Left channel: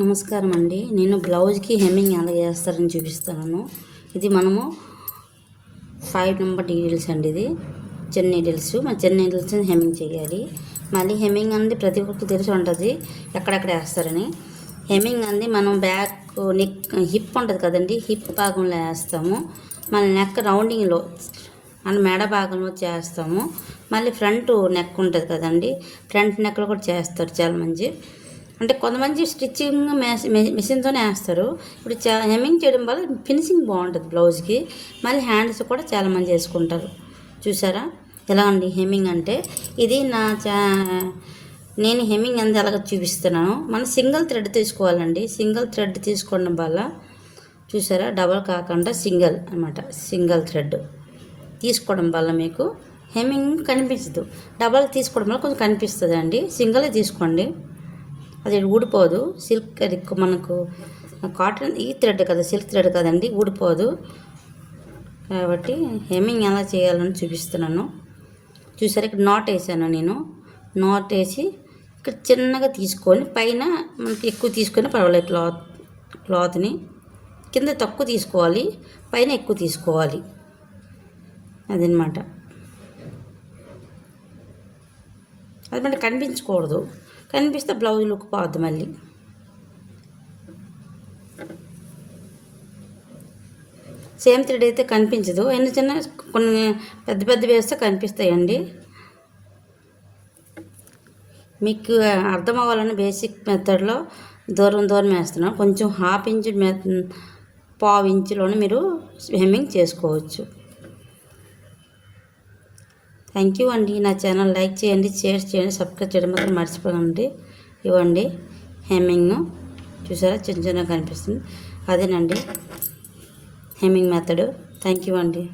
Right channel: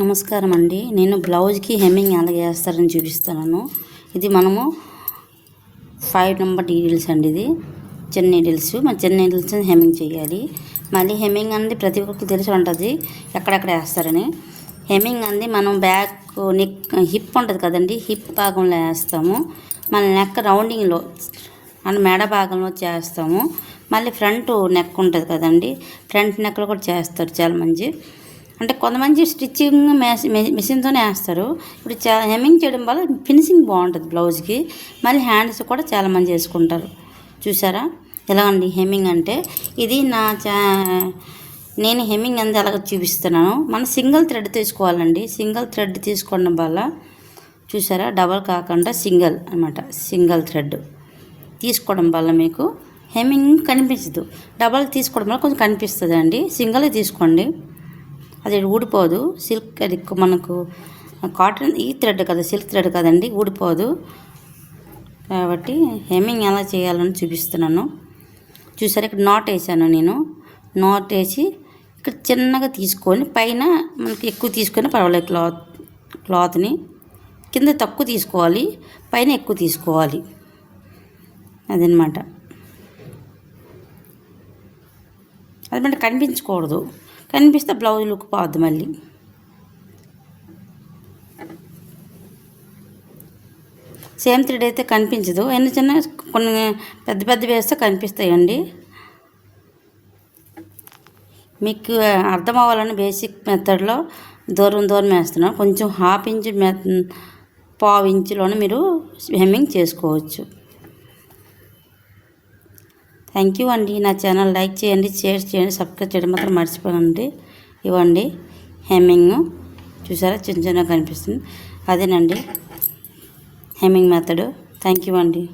నమస్కారం అండి. నేను బ్లౌజ్కి హెమ్మింగ్ ఎలా చేస్తారని చూపిస్తాను. ఇది మనము 5 నెంబర్ నీడిల్స్ అండి. ఇది చిన్న నీడిల్స్. మన చిన్న నీడిల్స్ హెమ్మింగ్ చేయాలి. మళ్ళీ హెమ్మింగ్ అనేది ప్రతి ఒక్కరికి తెలిసి ఉంటుంది ఎక్కడెక్కడ వేస్తారని. హెమ్మింగ్ అనేది మనం బ్యాక్ నెక్ హిప్ ఉంటుంది కదండి, హిప్ భాగంలో వేస్తాము. మన నెక్ రౌండింగ్లో మన మెడ భాగంలో చేస్తాము. మళ్ళీ ఫ్రంట్ నెక్ ఉంటుంది కదండి, ఫ్రంట్ నెక్లో కూడా చేస్తారు చాలామంది. అంటే కొంతమంది స్టిచ్చింగ్ మిషన్తోనే వేస్తారు. ఇప్పుడు హెమ్మింగ్ చేయడం వల్ల ఫినిషింగ్ బాగుంటుంది బ్లౌజ్కి. మళ్ళీ హ్యాండ్స్ కూడా చాలామంది చేసుకుంటారు. చూసారా ఎలా అండి హెమ్మింగ్ అంటే? ఇది నేను హెమ్మింగ్ అంతా ఎలాగ చూపిస్తున్నాను. మనం సింగిల్ థ్రెడ్ తీసుకోవాలండి. సింగిల్ థ్రెడ్ తీసుకోవడం వల్ల చూసారా, డబల్ కాకుండా సింగిల్ అన్నమాట. సింగిల్ థ్రెడ్ తీసుకోవడం వల్ల మీకు హెమ్మింగ్ కనిపించదు. డబల్ తీసుకోవడం వల్ల కొంచెం కనిపిస్తుంది అండి. సింగిల్ తీసుకోండి, అది ఊడిపోదు. సిల్క్ అది మనకు కాటన్ ఈ థ్రెడ్ కదా, సిల్క్ థ్రెడ్ కదండి, ఊడిపోదు. కాబట్టి హెమ్మింగ్ ఎలా చేయాలని చూపిస్తున్నాను. చూసారా, ఇక్కడ నాట్ వేసాను నేను. నాట్ వేసి ఇక్కడ చిన్నగా తీసుకొని పైన మనకి ఎక్కువ తీసుకొని పర్వాలేదు. క్లాత్ని కింద తక్కువ తీసుకోవాలి, పైన ఎక్కువ తీసుకోవాలి. అదనమాట. అది మనకి కనిపించకూడదు. కనిపిస్తే బ్లౌజ్ లుక్ పోద్ది. మళ్ళీ సేమ్ థ్రెడ్ అయితే కనిపించదు. ఎన్ని చిన్న కొన్ని పెద్ద పెద్ద వేస్తే కనిపిస్తాయండి. మీకు అర్థం అవ్వాలని బేసిక్ మెథడ్లో దూరం దూరం వేస్తున్నాను. కొంచెం ½ ఇంచు పావు ఇంచులోనే మీరు హెమ్మింగ్ చేసుకోవచ్చు. థ్యాంక్ యూ అండి. నా ఛానల్ లైక్ చేయండి, షేర్ చేయండి, సబ్స్క్రైబ్ చేయడం మాత్రం మర్చిపోకండి. ఇవ్వండి హెమ్మింగ్. చూసారా, చిన్న చిన్నగా కనిపిస్తుంది. అదేనండి హెమ్మింగ్ మెథడ్. థ్యాంక్ యూ అండి.